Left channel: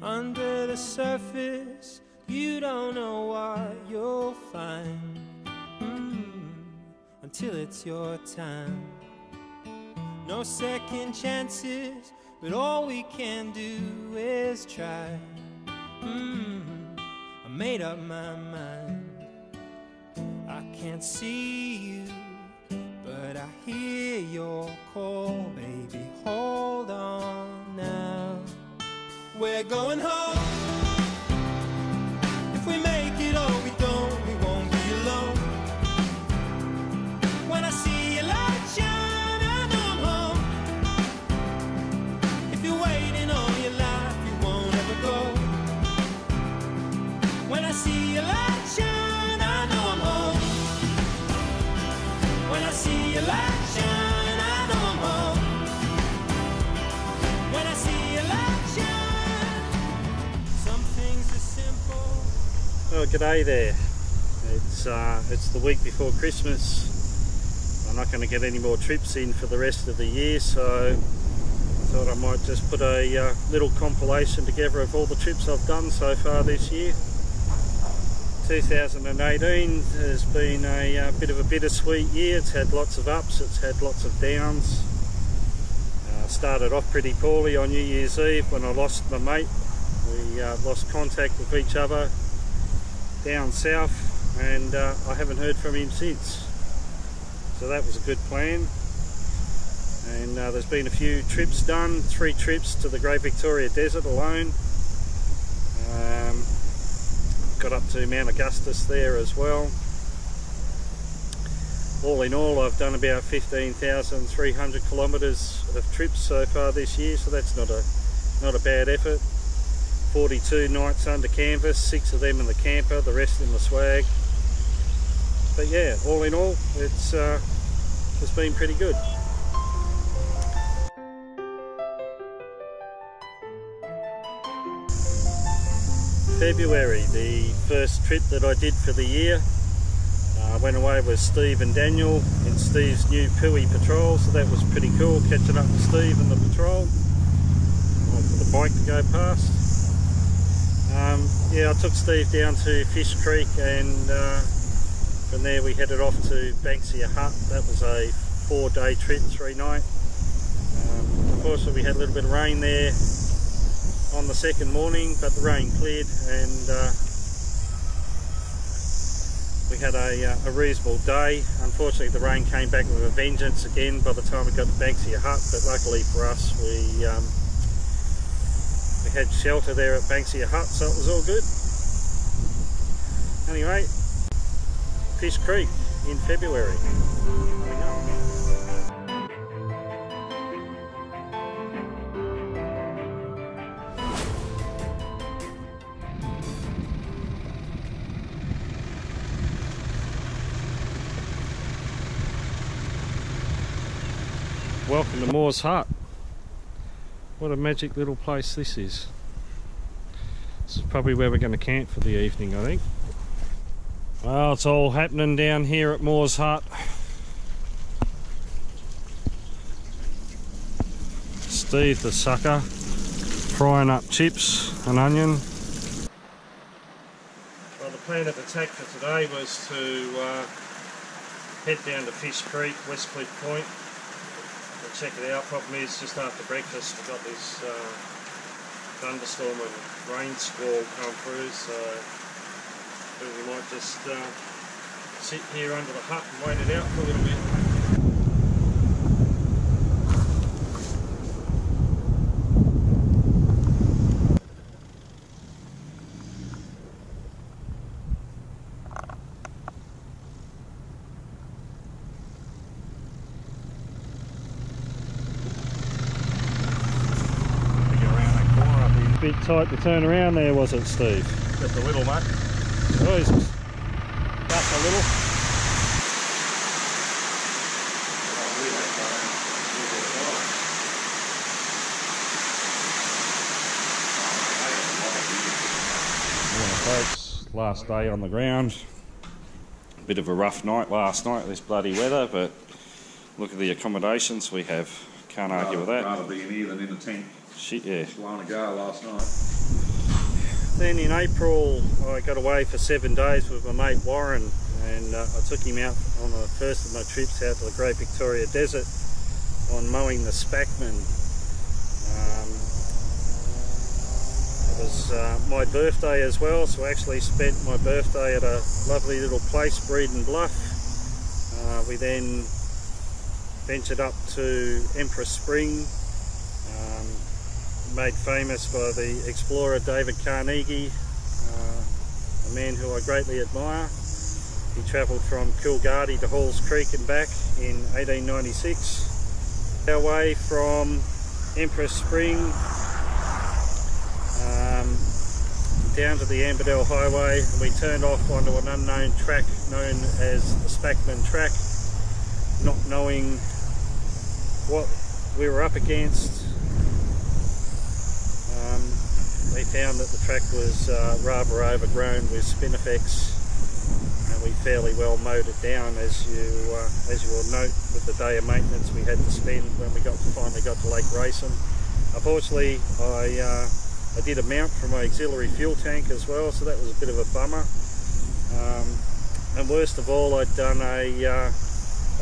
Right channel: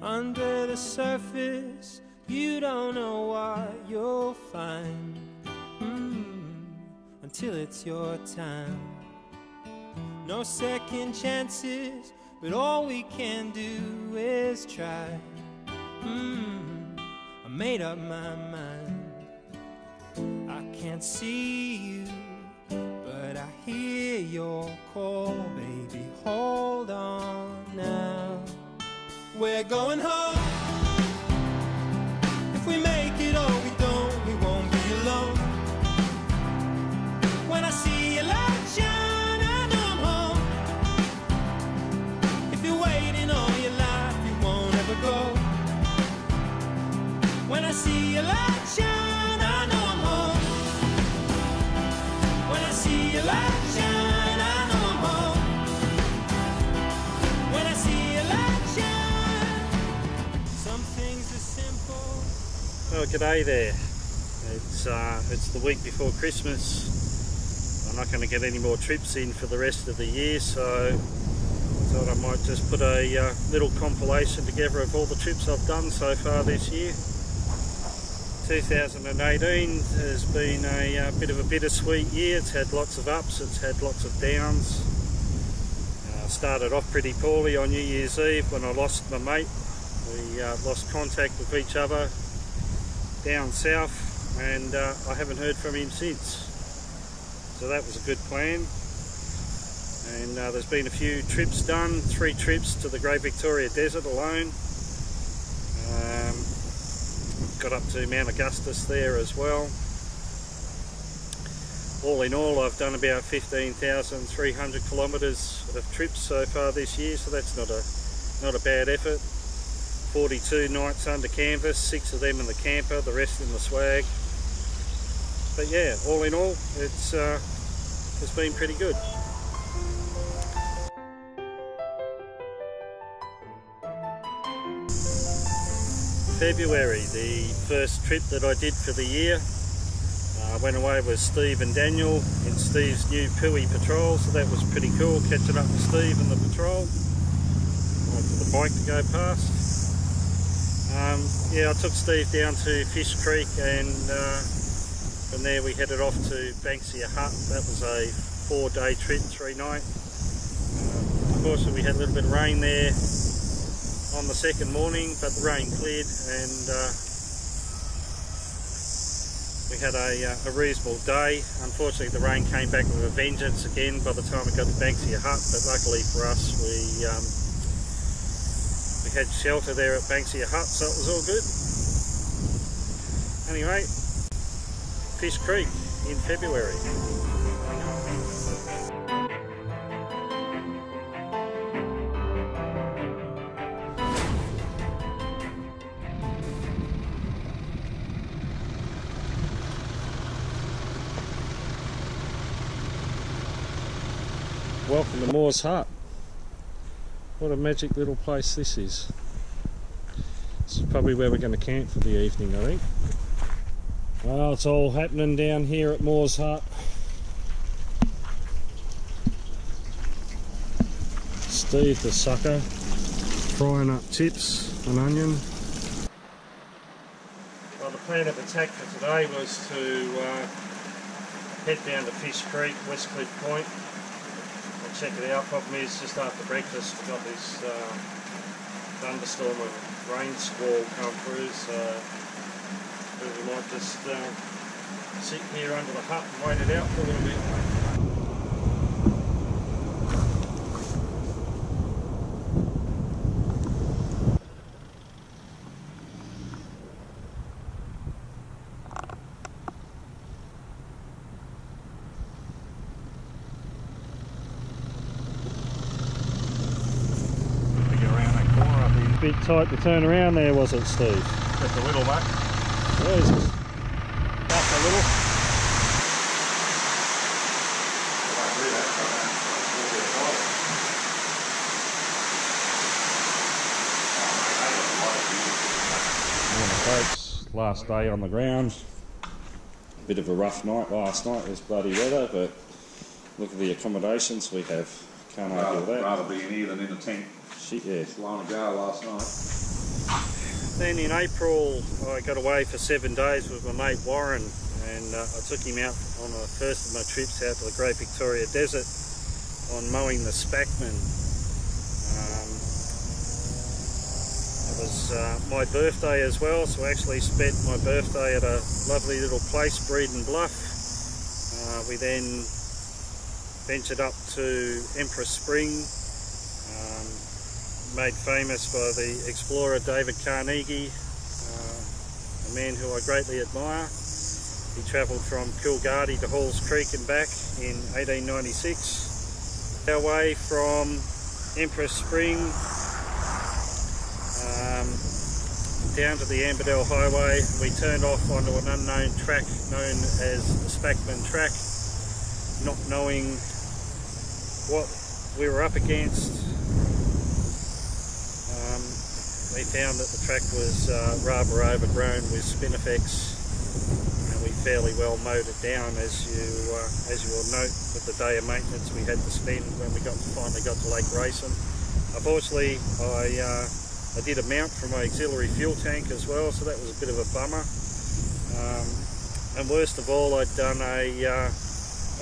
Under the surface, you don't know what you'll find until it's your time. No second chances, but all we can do is try. I made up my mind. I can't see you, but I hear your call, baby. Hold on now. We're going home. If we make it or we don't, we won't be alone. When I see your light shine, I know I'm home. If you're waiting all your life, you won't ever go. When I see your light shine, I know I'm home. When I see your light shine, I know I'm home. When I see your light shine, some things are simple. Well, g'day there. It's the week before Christmas. I'm not going to get any more trips in for the rest of the year, so I thought I might just put a little compilation together of all the trips I've done so far this year. 2018 has been a bit of a bittersweet year. It's had lots of ups, it's had lots of downs. Started off pretty poorly on New Year's Eve when I lost my mate. We lost contact with each other down south, and I haven't heard from him since. So that was a good plan. And there's been a few trips done, 3 trips to the Great Victoria Desert alone. Got up to Mount Augustus there as well. All in all, I've done about 15,300 kilometres of trips so far this year, so that's not a bad effort. 42 nights under canvas, 6 of them in the camper, the rest in the swag. But yeah, all in all, it's been pretty good. February, the first trip that I did for the year. I went away with Steve and Daniel in Steve's new Pui patrol, so that was pretty cool, catching up with Steve and the patrol. Wait for the bike to go past. Yeah, I took Steve down to Fish Creek, and from there we headed off to Banksia Hut. That was a 4-day trip, 3 night. Unfortunately we had a little bit of rain there on the second morning, but the rain cleared, and we had a reasonable day. Unfortunately the rain came back with a vengeance again by the time we got to Banksia Hut, but luckily for us we had shelter there at Banksia Hut, so it was all good. Anyway, Fish Creek in February coming up. Welcome to Moore's Hut. What a magic little place this is. This is probably where we're going to camp for the evening, I think. Well, it's all happening down here at Moore's Hut. Steve the sucker, frying up chips and onion. Well, the plan of attack for today was to head down to Fish Creek, West Cliff Point. We'll check it out. Problem is, just after breakfast we got this thunderstorm and rain squall come through, so we might just sit here under the hut and wait it out for a little bit. Bit tight to turn around there, was it, Steve? Just a little, mate. Jesus. Just a little. Morning, folks. Last day on the ground. A bit of a rough night last night, this bloody weather, but look at the accommodations we have. Can't argue with that. Rather be in here than in a tent. Shit, yeah. Blown a go last night. Then in April I got away for 7 days with my mate Warren, and I took him out on the first of my trips out to the Great Victoria Desert on mowing the Spackman. It was my birthday as well, so I actually spent my birthday at a lovely little place, Breeden Bluff. We then ventured up to Empress Spring, made famous by the explorer David Carnegie, a man who I greatly admire. He travelled from Coolgardie to Halls Creek and back in 1896. Our way from Empress Spring down to the Amberdell Highway, and we turned off onto an unknown track known as the Spackman Track, not knowing what we were up against. We found that the track was rather overgrown with spinifex, and we fairly well mowed it down, as you will note with the day of maintenance we had to spend when we finally got to Lake Racing. Unfortunately, I did a mount for my auxiliary fuel tank as well, so that was a bit of a bummer. And worst of all, I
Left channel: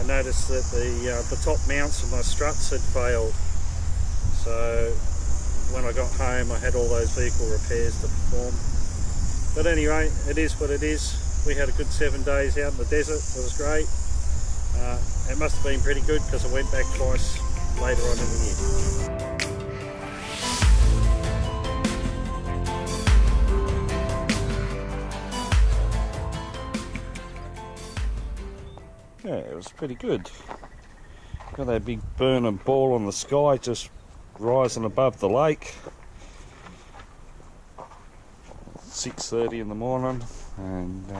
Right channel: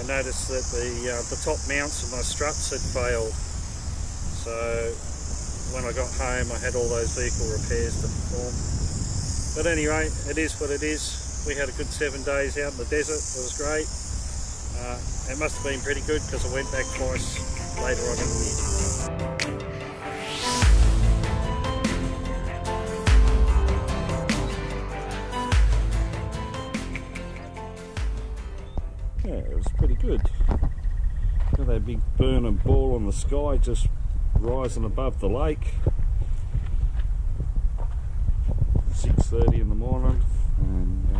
noticed that the top mounts of my struts had failed. So when I got home, I had all those vehicle repairs to perform. But anyway, it is what it is. We had a good 7 days out in the desert. It was great. It must have been pretty good because I went back twice later on in the year. Yeah, it was pretty good. Got that big burning ball on the sky just rising above the lake. 6:30 in the morning, and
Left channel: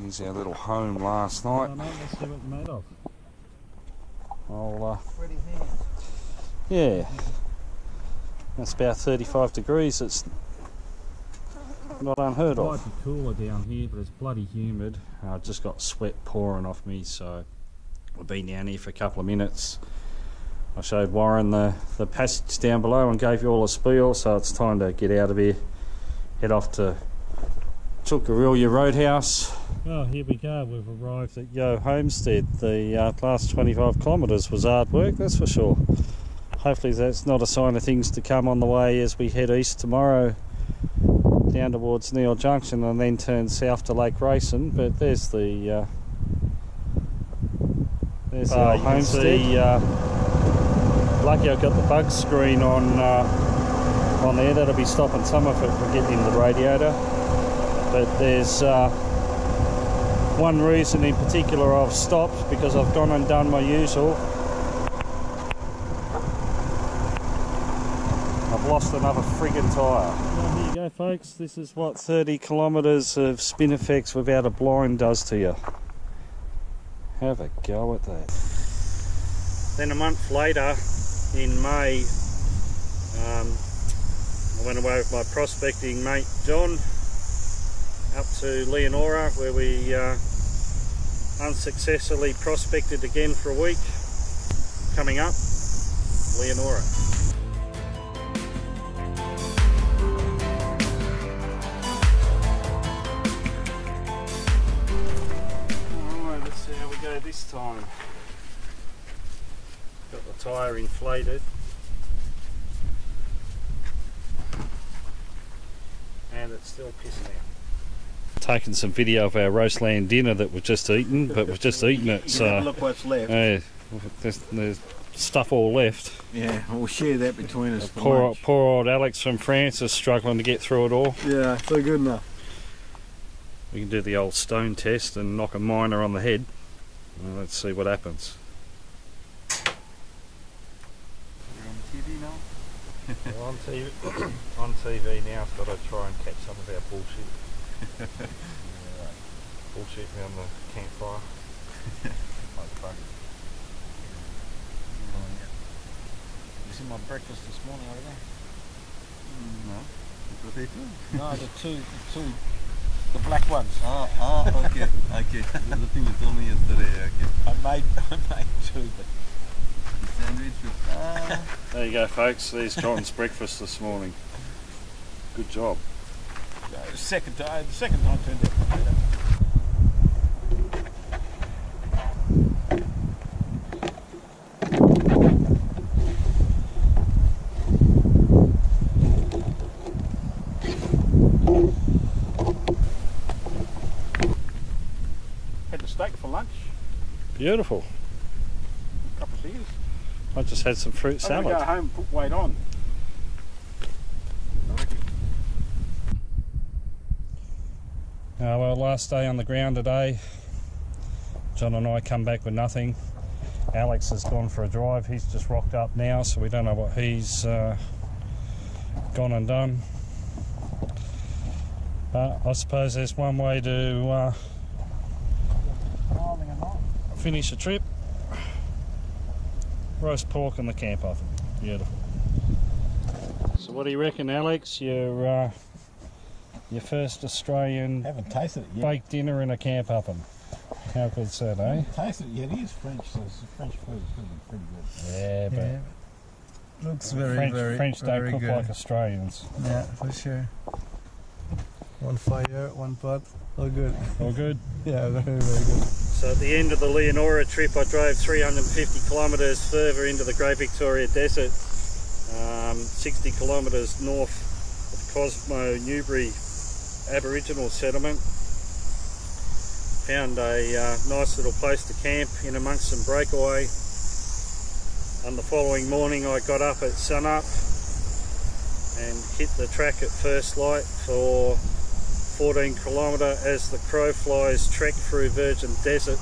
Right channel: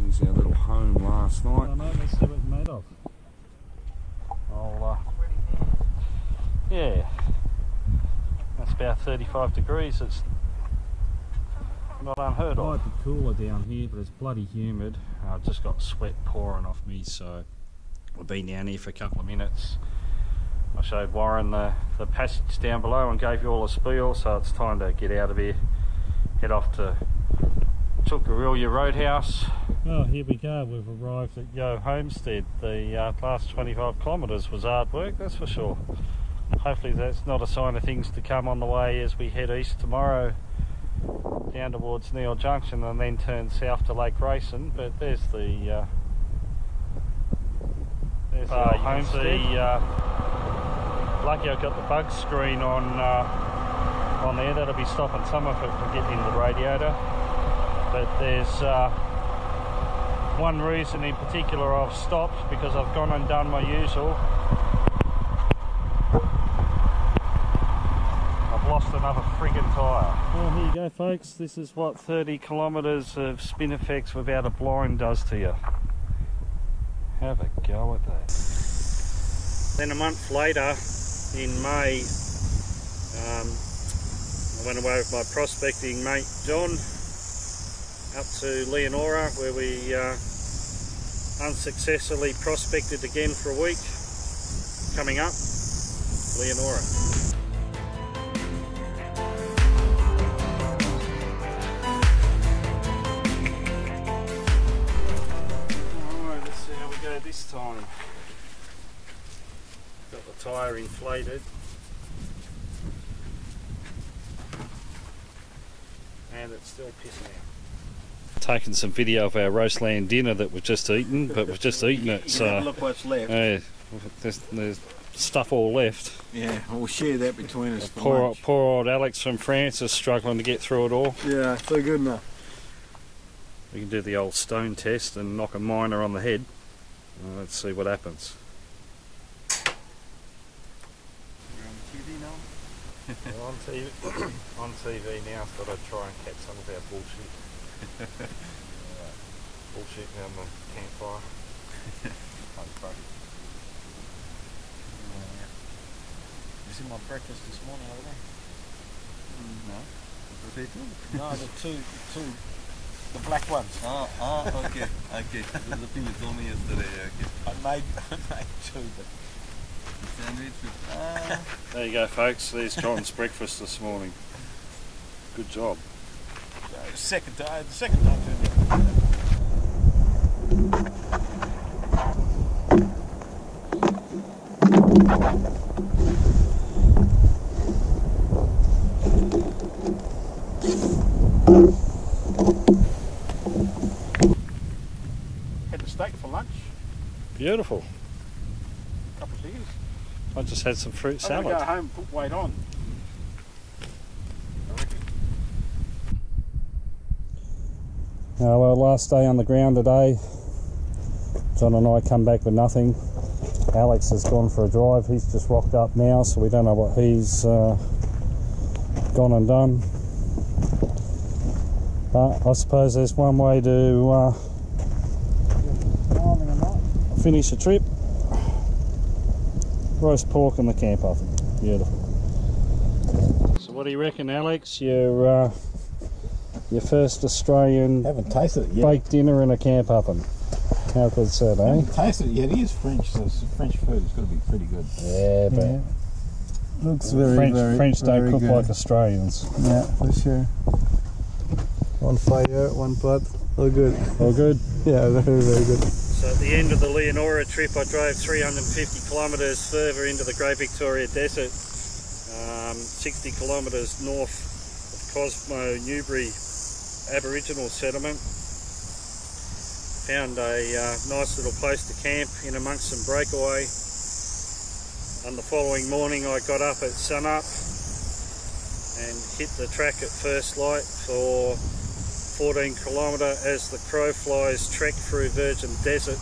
here's our little home last night. Oh no, let's see what it's made of. Yeah, that's about 35 degrees. It's not unheard of. It might be cooler down here, but it's bloody humid. I've just got sweat pouring off me, so I've been down here for a couple of minutes. I showed Warren the passage down below and gave you all a spiel, so it's time to get out of here, head off to Chilkarilya Roadhouse. Well, here we go, we've arrived at Yo Homestead. The last 25 kilometres was hard work, that's for sure. Hopefully that's not a sign of things to come on the way as we head east tomorrow down towards Neil Junction and then turn south to Lake Racing. But there's the homestead. Lucky I got the bug screen on there. That'll be stopping some of it from getting in the radiator. But there's one reason in particular I've stopped, because I've gone and done my usual. I've lost another friggin' tyre. Well, here you go folks, this is what 30 kilometres of spinifex without a blind does to you. Have a go at that. Then a month later, in May, I went away with my prospecting mate John up to Leonora, where we unsuccessfully prospected again for a week. Coming up, Leonora. Alright, let's see how we go this time. Got the tyre inflated. And it's still pissing out. Taking some video of our roast lamb dinner that we've just eaten, but we've just eaten it, so look what's left. There's stuff all left. Yeah, we'll share that between us. Poor old Alex from France is struggling to get through it all. Yeah, so good enough. We can do the old stone test and knock a miner on the head. Well, let's see what happens. You're on TV now? We're on TV, on TV now, so I'd try and catch some of our bullshit. Right. Bullshit around the campfire. You see my breakfast this morning over there? No. Potato? No, the black ones. Okay. Okay. That's the thing you told me yesterday. Okay. I made two, but The sandwich with There you go folks, there's John's breakfast this morning. Good job. The second time turned out better. Had the steak for lunch. Beautiful. A couple of beers. I just had some fruit I'm salad. gonna go home and put weight on. I reckon. Well, last day on the ground today. John and I come back with nothing. Alex has gone for a drive. He's just rocked up now, so we don't know what he's gone and done. But I suppose there's one way to finish a trip. Roast pork in the camp oven. Beautiful. So what do you reckon, Alex? Your first Australian Haven't tasted it yet. baked dinner in a camp oven. How good's that, eh? Haven't tasted it yet. It is French, so it's French food. It's got to be pretty good. Yeah, but Yeah. Looks very, French don't very cook good. like Australians. Yeah, for sure. One fire, one pot. All good. All good? Yeah, very, very good. So at the end of the Leonora trip, I drove 350 kilometres further into the Great Victoria Desert, 60 kilometres north of Cosmo Newbury Aboriginal settlement. Found a nice little place to camp in amongst some breakaway. And the following morning I got up at sunup and hit the track at first light for 14 kilometre as the crow flies trek through virgin desert.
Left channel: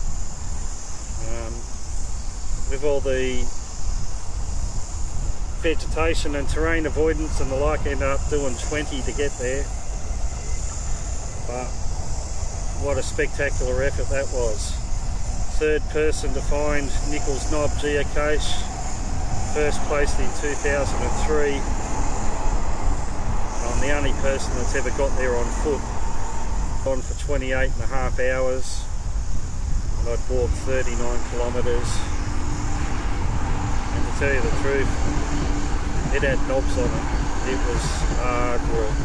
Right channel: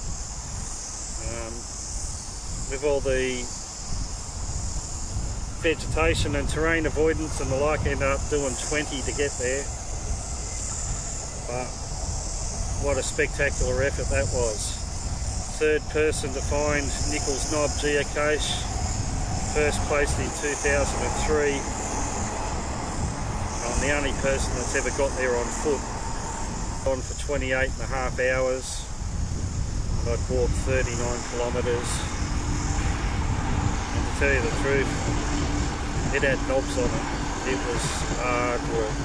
With all the vegetation and terrain avoidance and the like, ended up doing 20 to get there. But what a spectacular effort that was. Third person to find Nichols Knob geocache, first placed in 2003. And I'm the only person that's ever got there on foot. On for 28 and a half hours, and I'd walked 39 kilometres, and to tell you the truth, it had knobs on it. It was hard work,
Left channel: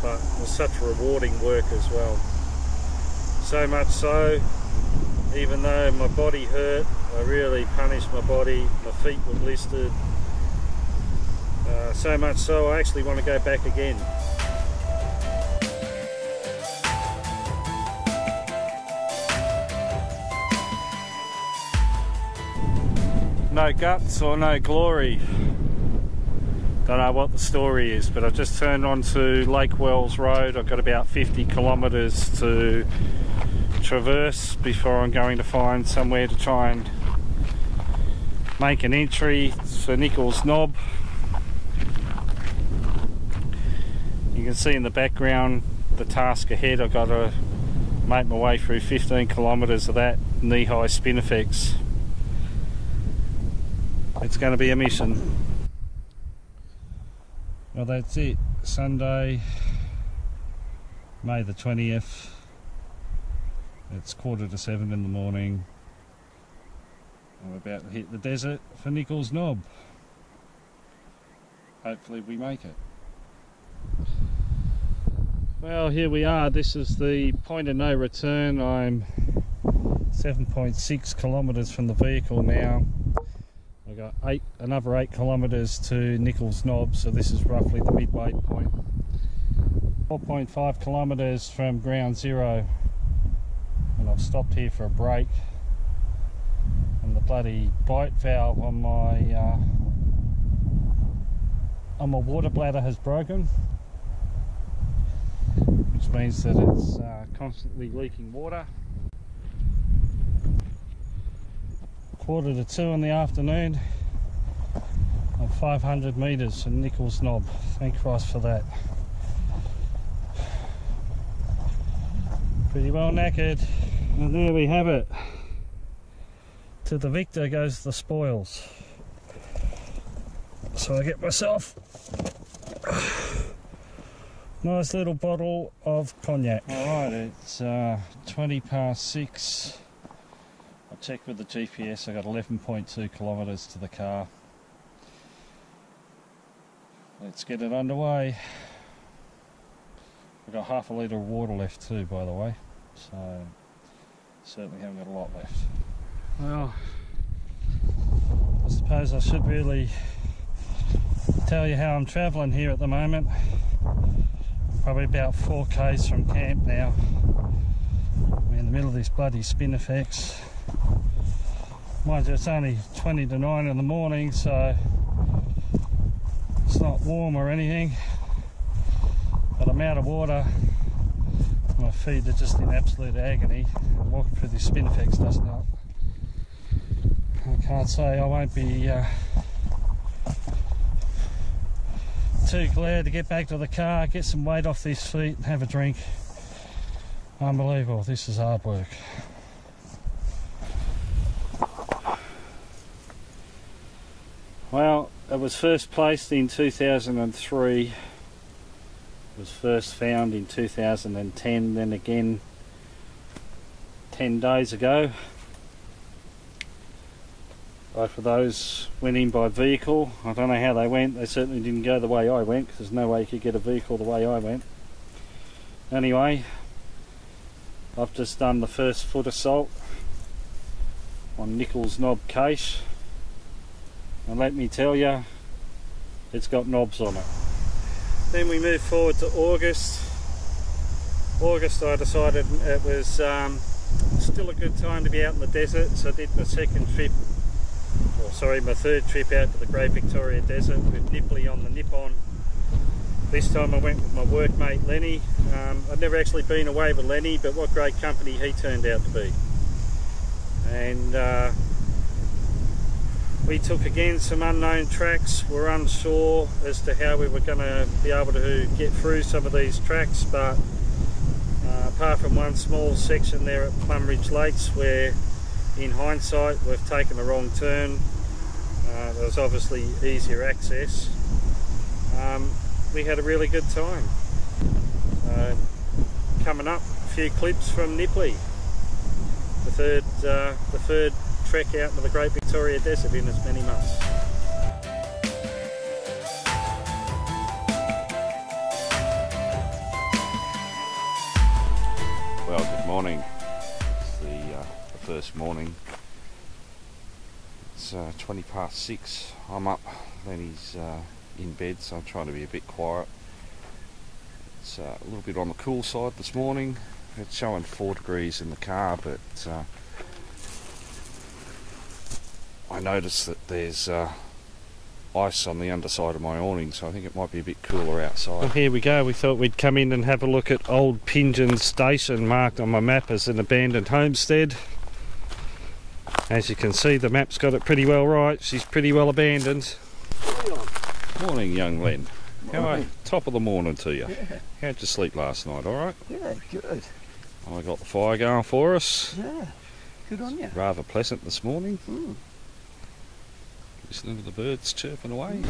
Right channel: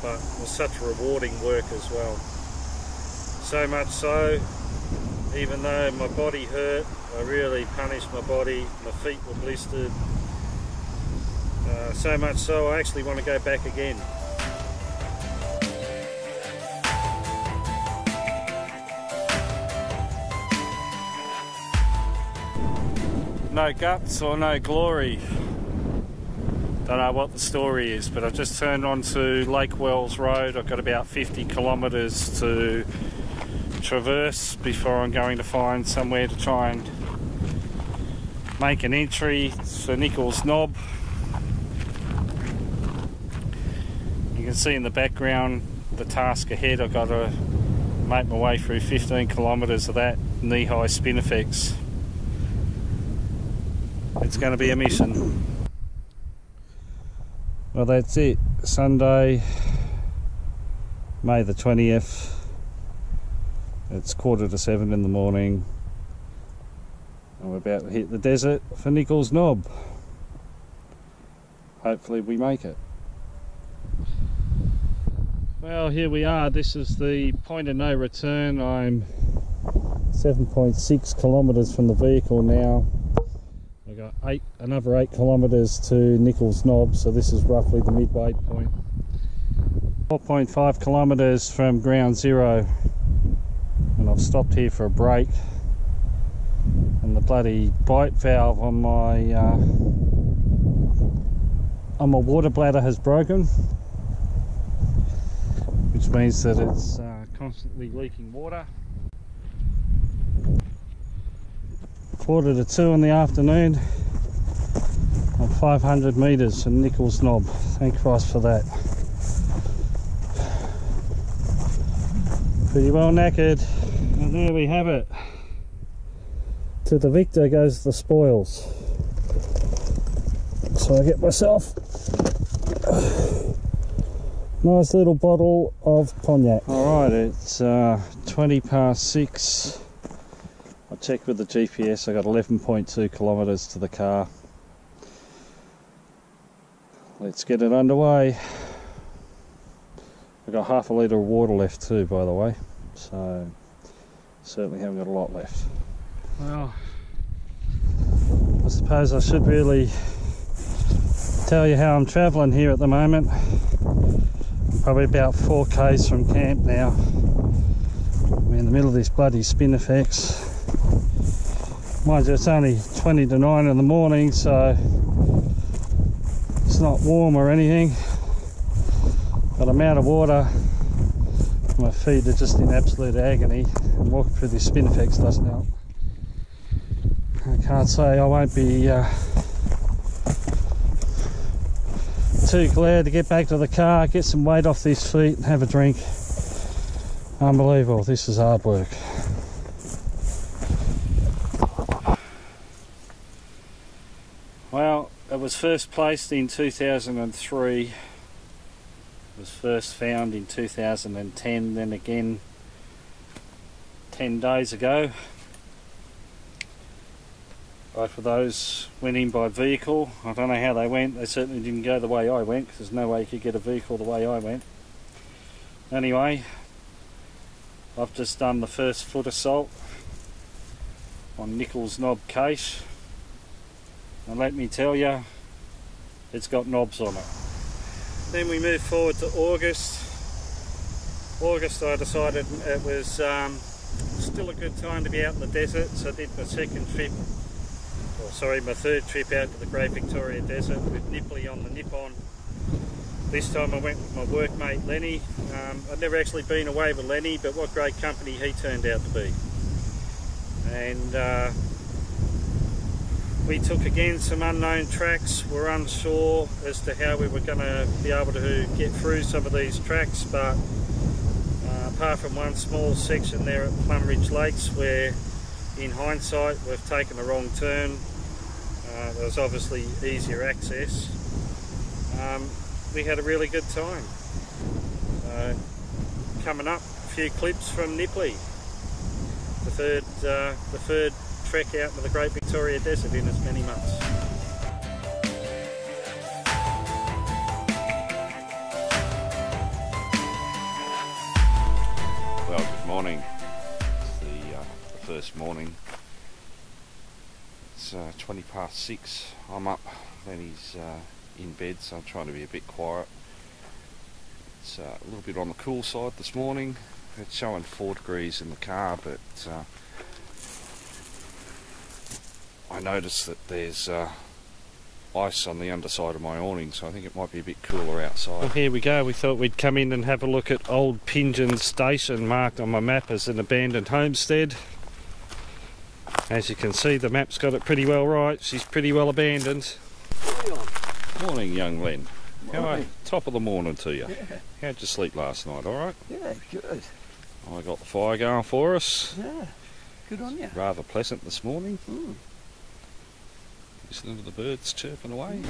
but it was such rewarding work as well. So much so, even though my body hurt, I really punished my body. My feet were blistered, so much so I actually want to go back again. No guts or no glory. Don't know what the story is, but I've just turned onto Lake Wells Road. I've got about 50 kilometres to traverse before I'm going to find somewhere to try and make an entry for Nichols Knob. You can see in the background the task ahead. I've got to make my way through 15 kilometres of that knee-high spinifex. It's going to be a mission. Well, that's it. Sunday, May the 20th. It's 6:45 in the morning. And we're about to hit the desert for Nichols Knob. Hopefully we make it. Well, here we are. This is the point of no return. I'm 7.6 kilometres from the vehicle now. I've got another 8 kilometres to Nichols Knob, so this is roughly the midway point. 4.5 kilometres from ground zero, and I've stopped here for a break. And the bloody bite valve on my water bladder has broken, which means that it's constantly leaking water. 1:45 in the afternoon. I'm 500 metres from Nichols Knob. Thank Christ for that. Pretty well knackered. And there we have it. To the victor goes the spoils. So I get myself a nice little bottle of cognac. Alright, it's 20 past 6. I checked with the GPS, I got 11.2 kilometres to the car. let's get it underway. I've got half a litre of water left too, by the way, so certainly haven't got a lot left. Well, I suppose I should really tell you how I'm travelling here at the moment. I'm probably about 4 k's from camp now. I'm in the middle of this bloody spinifex. Mind you, it's only 20 to 9 in the morning, so it's not warm or anything, but I'm out of water. My feet are just in absolute agony, and walking through this spinifex doesn't help. I can't say I won't be too glad to get back to the car, get some weight off these feet and have a drink. Unbelievable, this is hard work. Well, it was first placed in 2003, it was first found in 2010, then again 10 days ago. Both of those went in by vehicle. I don't know how they went, they certainly didn't go the way I went, because there's no way you could get a vehicle the way I went. Anyway, I've just done the first foot assault on Nichols knob case. And let me tell you, it's got knobs on it. Then we move forward to August. August, I decided it was still a good time to be out in the desert, so I did my third trip out to the Great Victoria Desert with Nipley on the Nippon. This time I went with my workmate Lenny. I'd never actually been away with Lenny, but what great company he turned out to be. And we took again some unknown tracks. We're unsure as to how we were going to be able to get through some of these tracks, but apart from one small section there at Plumridge Lakes where in hindsight we've taken the wrong turn, there was obviously easier access. We had a really good time. Coming up, a few clips from Nipley, the third trek out into the Great Victoria Desert in as many months. Well, good morning. It's the first morning. It's 20 past 6. I'm up, then he's in bed, so I'm trying to be a bit quiet. It's a little bit on the cool side this morning. It's showing 4 degrees in the car, but I noticed that there's ice on the underside of my awning, so I think it might be a bit cooler outside. Well, here we go. We thought we'd come in and have a look at Old Pingeon Station, marked on my map as an abandoned homestead. As you can see, the map's got it pretty well right. She's pretty well abandoned. Morning, young Len. How are you? Top of the morning to you. Yeah. How'd you sleep last night, alright? Yeah, good. I got the fire going for us. Yeah, good on you. Rather pleasant this morning. Mm. Listening to the birds chirping away.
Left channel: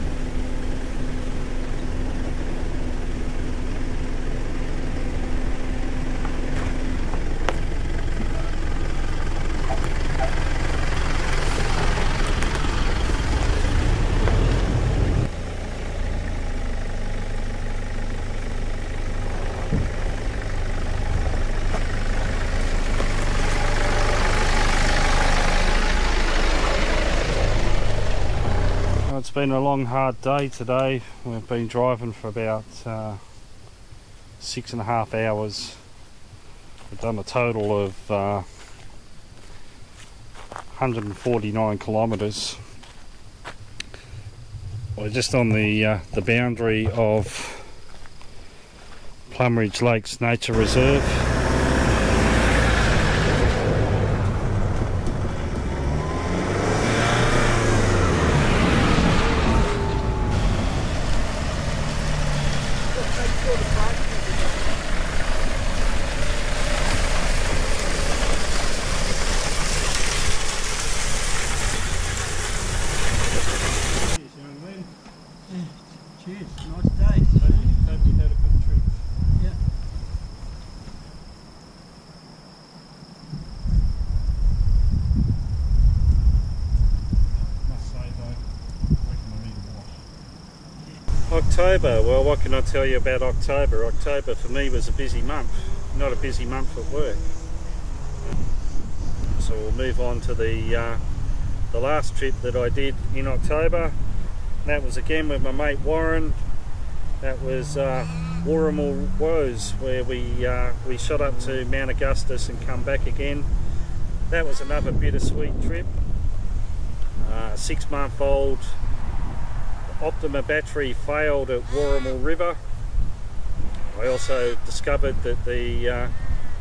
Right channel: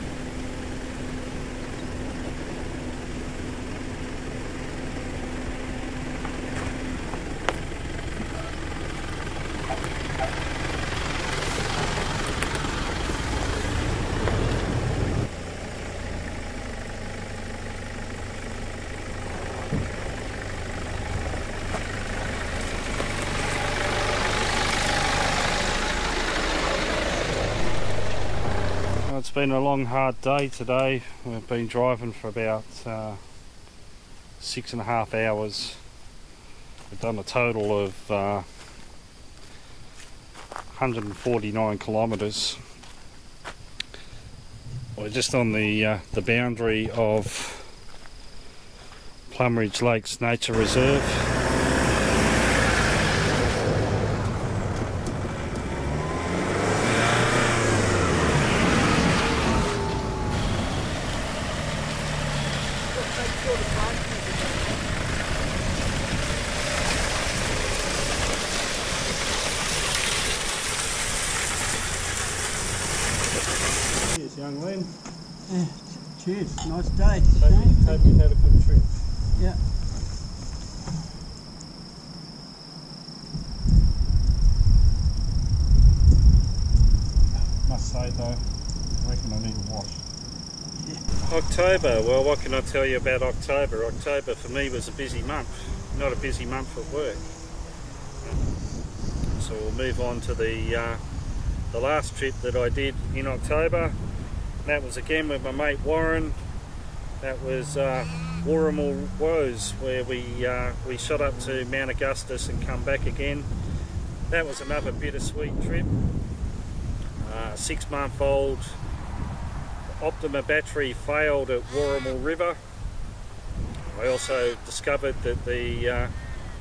It's been a long hard day today. We've been driving for about 6.5 hours. We've done a total of 149 kilometres. We're just on the boundary of Plumridge Lakes Nature Reserve. Young Len. Yeah, cheers, nice day. Hope you had a good trip. Yeah. Must say though, I reckon I need a wash. Yeah. October, well, what can I tell you about October? October for me was a busy month, not a busy month at work. So we'll move on to the last trip that I did in October. That was again with my mate Warren. That was Warrimal Woes, where we shot up to Mount Augustus and come back again. That was another bittersweet trip. 6-month-old Optima battery failed at Warrimal River. I also discovered that the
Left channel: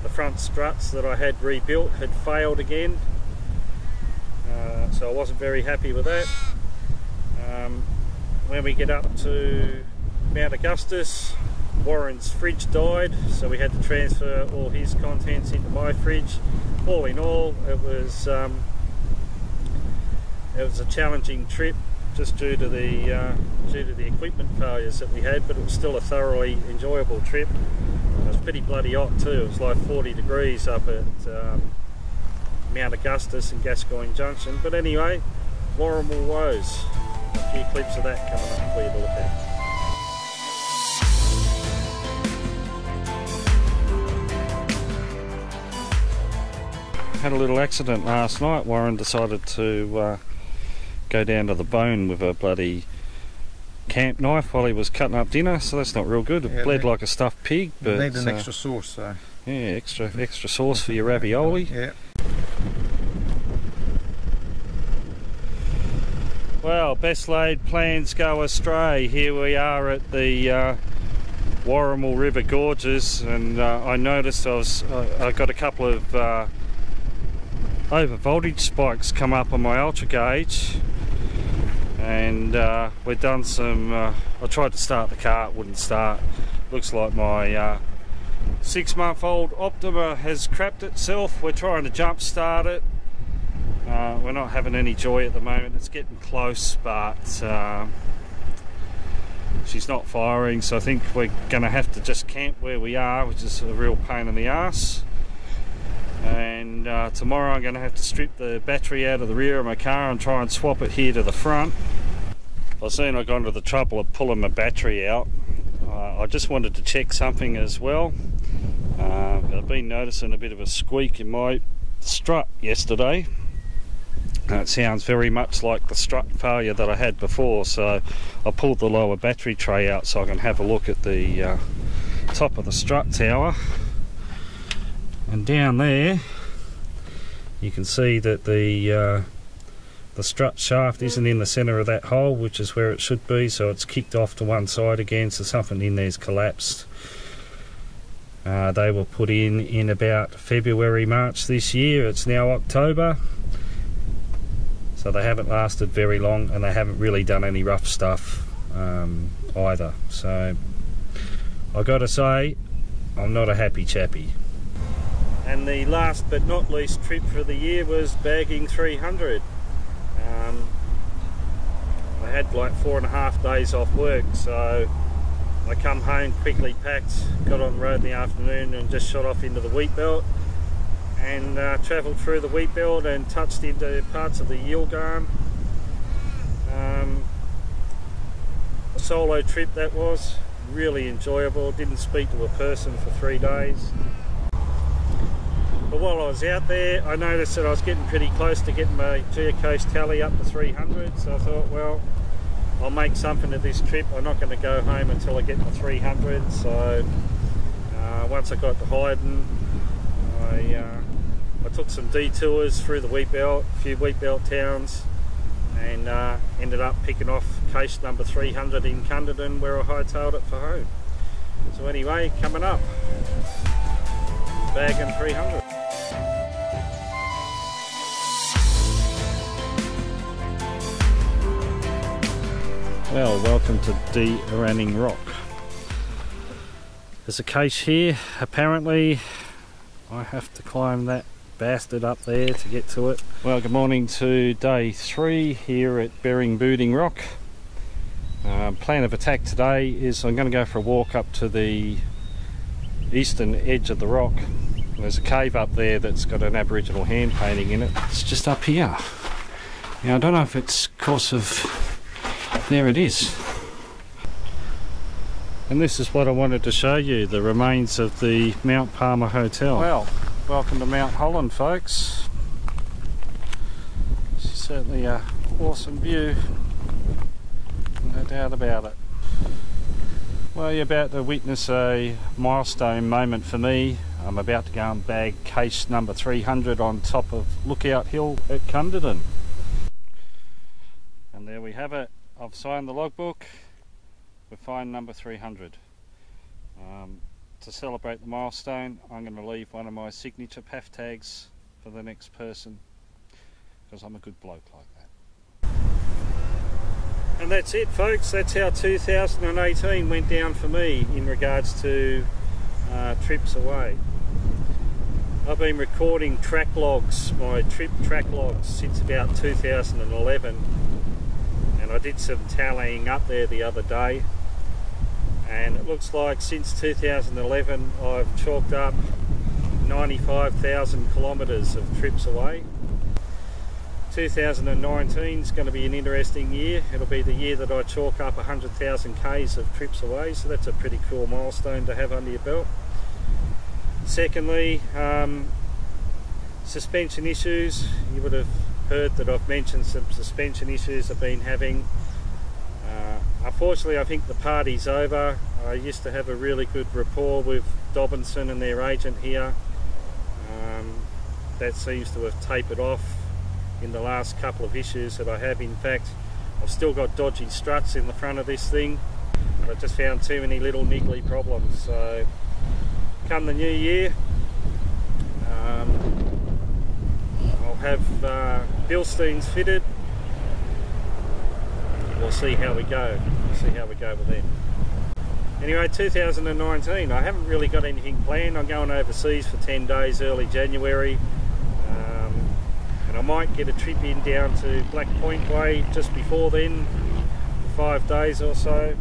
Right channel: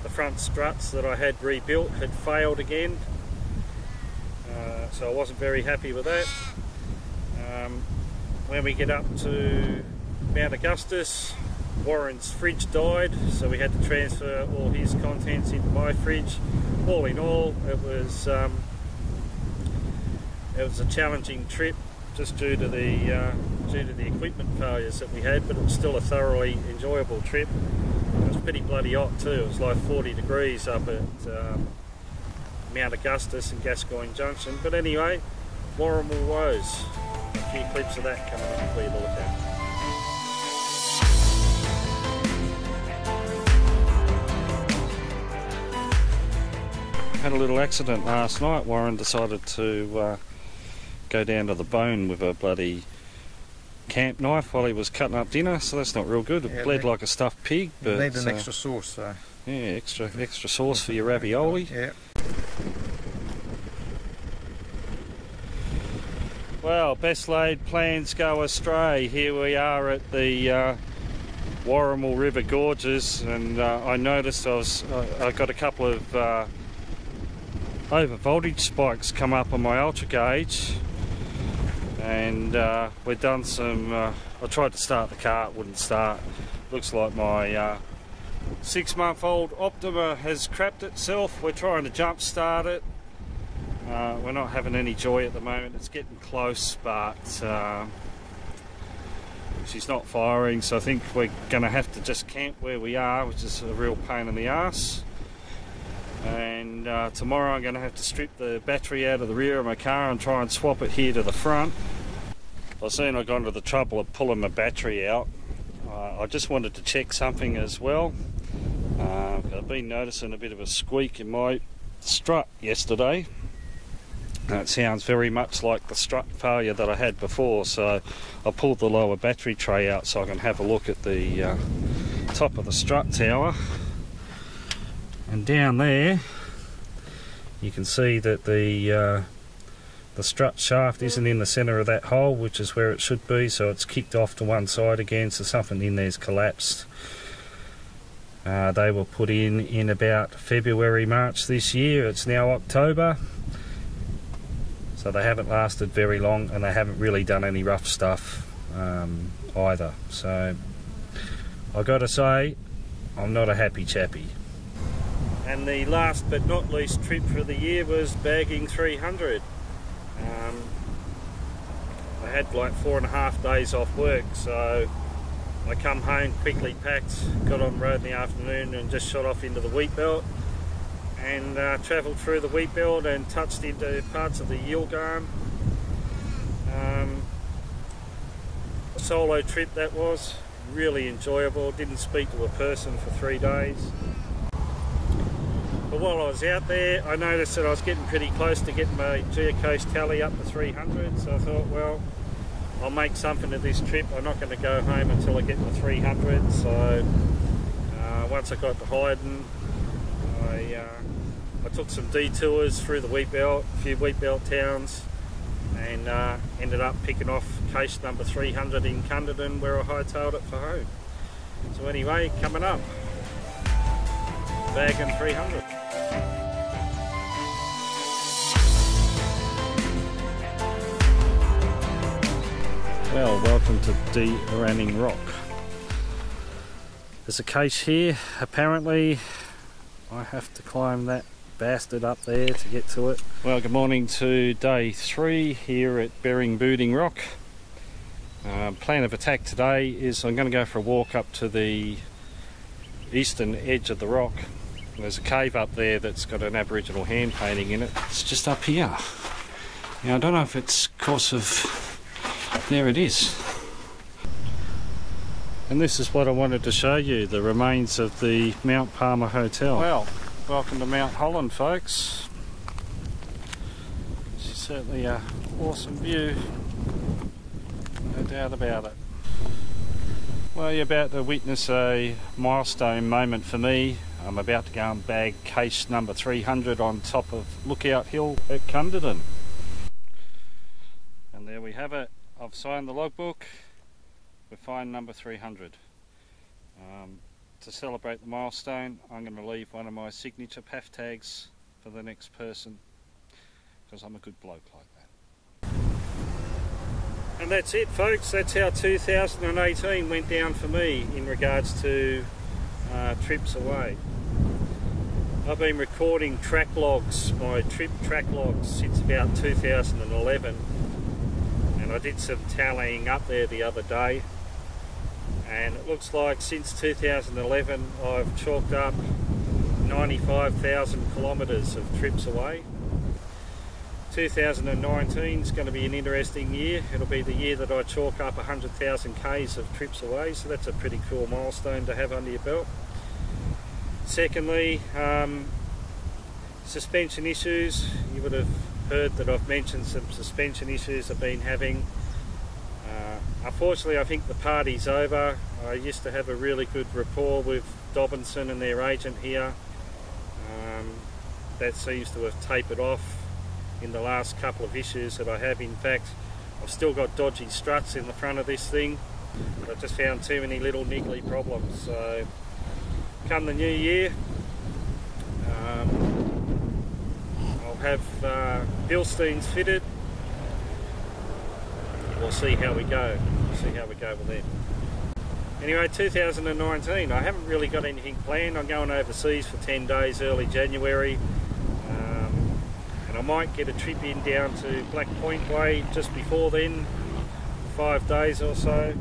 front struts that I had rebuilt had failed again, so I wasn't very happy with that. When we get up to Mount Augustus, Warren's fridge died, so we had to transfer all his contents into my fridge. All in all, it was a challenging trip, just due to the equipment failures that we had, but it was still a thoroughly enjoyable trip. It was pretty bloody hot too. It was like 40 degrees up at Mount Augustus and Gascoyne Junction. But anyway, Warrimal Woes. A few clips of that coming up for you to look at. Had a little accident last night. Warren decided to go down to the bone with a bloody camp knife while he was cutting up dinner, so that's not real good. It bled like a stuffed pig. But need an extra sauce, so yeah, extra sauce for your ravioli. yeah. Well, best laid plans go astray. Here we are at the Warrimal River Gorges, and I noticed I got a couple of over voltage spikes come up on my ultra gauge, and we've done some I tried to start the car, it wouldn't start. Looks like my 6-month-old Optima has crapped itself. We're trying to jump start it. We're not having any joy at the moment. It's getting close, but she's not firing, so I think we're going to have to just camp where we are, which is a real pain in the ass. And tomorrow I'm going to have to strip the battery out of the rear of my car and try and swap it here to the front. I've seen I got into the trouble of pulling my battery out. I just wanted to check something as well. I've been noticing a bit of a squeak in my strut yesterday. It sounds very much like the strut failure that I had before, so I pulled the lower battery tray out so I can have a look at the top of the strut tower. And down there you can see that the strut shaft isn't in the centre of that hole, which is where it should be, so it's kicked off to one side again, so something in there's collapsed. They were put in about February, March this year. It's now October, so they haven't lasted very long, and they haven't really done any rough stuff either. So I gotta say, I'm not a happy chappy. And the last but not least trip for the year was bagging 300. I had like 4.5 days off work, so I come home, quickly packed, got on the road in the afternoon and just shot off into the wheat belt, and travelled through the wheat belt and touched into parts of the Yilgarn. A solo trip that was, really enjoyable. Didn't speak to a person for 3 days. But while I was out there, I noticed that I was getting pretty close to getting my geocache tally up to 300, so I thought, well, I'll make something of this trip. I'm not going to go home until I get my 300, so once I got to Hyden, I took some detours through the wheat belt, a few wheat belt towns, and ended up picking off cache number 300 in Cunderdin, where I hightailed it for home. So anyway, coming up, bagging 300. Well, welcome to D. Ranning Rock. There's a cache here. Apparently I have to climb that bastard up there to get to it. Well, good morning to day 3 here at Bering Rock. Plan of attack today is I'm going to go for a walk up to the eastern edge of the rock. There's a cave up there that's got an Aboriginal hand painting in it. It's just up here. Now I don't know if it's because of... there it is. And this is what I wanted to show you, the remains of the Mount Palmer Hotel. Well, welcome to Mount Holland, folks. It's certainly an awesome view, no doubt about it. Well, you're about to witness a milestone moment for me. I'm about to go and bag case number 300 on top of Lookout Hill at Cunderdin. And there we have it. I've signed the logbook. We're find number 300. To celebrate the milestone, I'm going to leave one of my signature PAF tags for the next person, because I'm a good bloke like that. And that's it, folks. That's how 2018 went down for me in regards to trips away. I've been recording track logs, my trip track logs, since about 2011, and I did some tallying up there the other day, and it looks like since 2011 I've chalked up 95,000 kilometres of trips away. 2019 is going to be an interesting year. It'll be the year that I chalk up 100,000 k's of trips away, so that's a pretty cool milestone to have under your belt. Secondly, suspension issues. You would have heard that I've mentioned some suspension issues I've been having. Unfortunately, I think the party's over. I used to have a really good rapport with Dobinson and their agent here. That seems to have tapered off in the last couple of issues that I have. In fact, I've still got dodgy struts in the front of this thing, but I've just found too many little niggly problems. So come the new year, I'll have Bilsteins fitted. We'll see how we go. See how we go with them. Anyway, 2019, I haven't really got anything planned. I'm going overseas for 10 days early January, and I might get a trip in down to Black Point Way just before then, 5 days or so.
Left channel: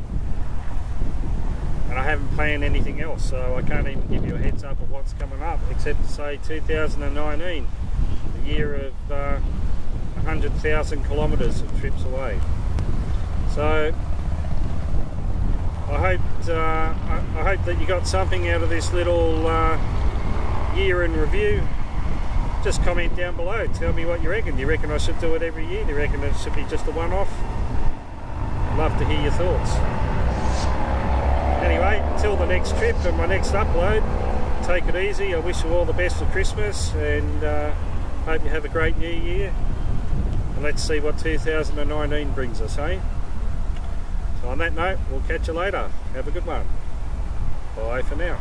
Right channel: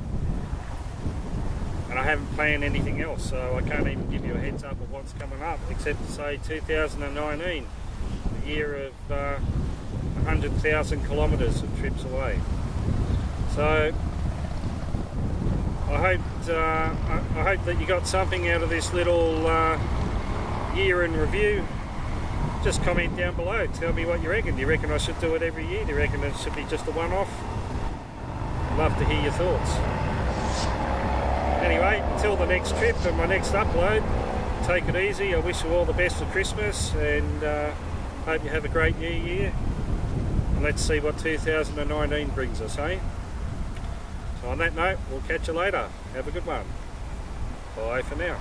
And I haven't planned anything else, so I can't even give you a heads up of what's coming up, except to say 2019, the year of 100,000 kilometres of trips away. So I hope that you got something out of this little year in review. Just comment down below, tell me what you reckon. Do you reckon I should do it every year? Do you reckon it should be just a one-off? I'd love to hear your thoughts. Anyway, until the next trip and my next upload, take it easy. I wish you all the best for Christmas, and hope you have a great new year. And let's see what 2019 brings us, eh? So on that note, we'll catch you later. Have a good one. Bye for now.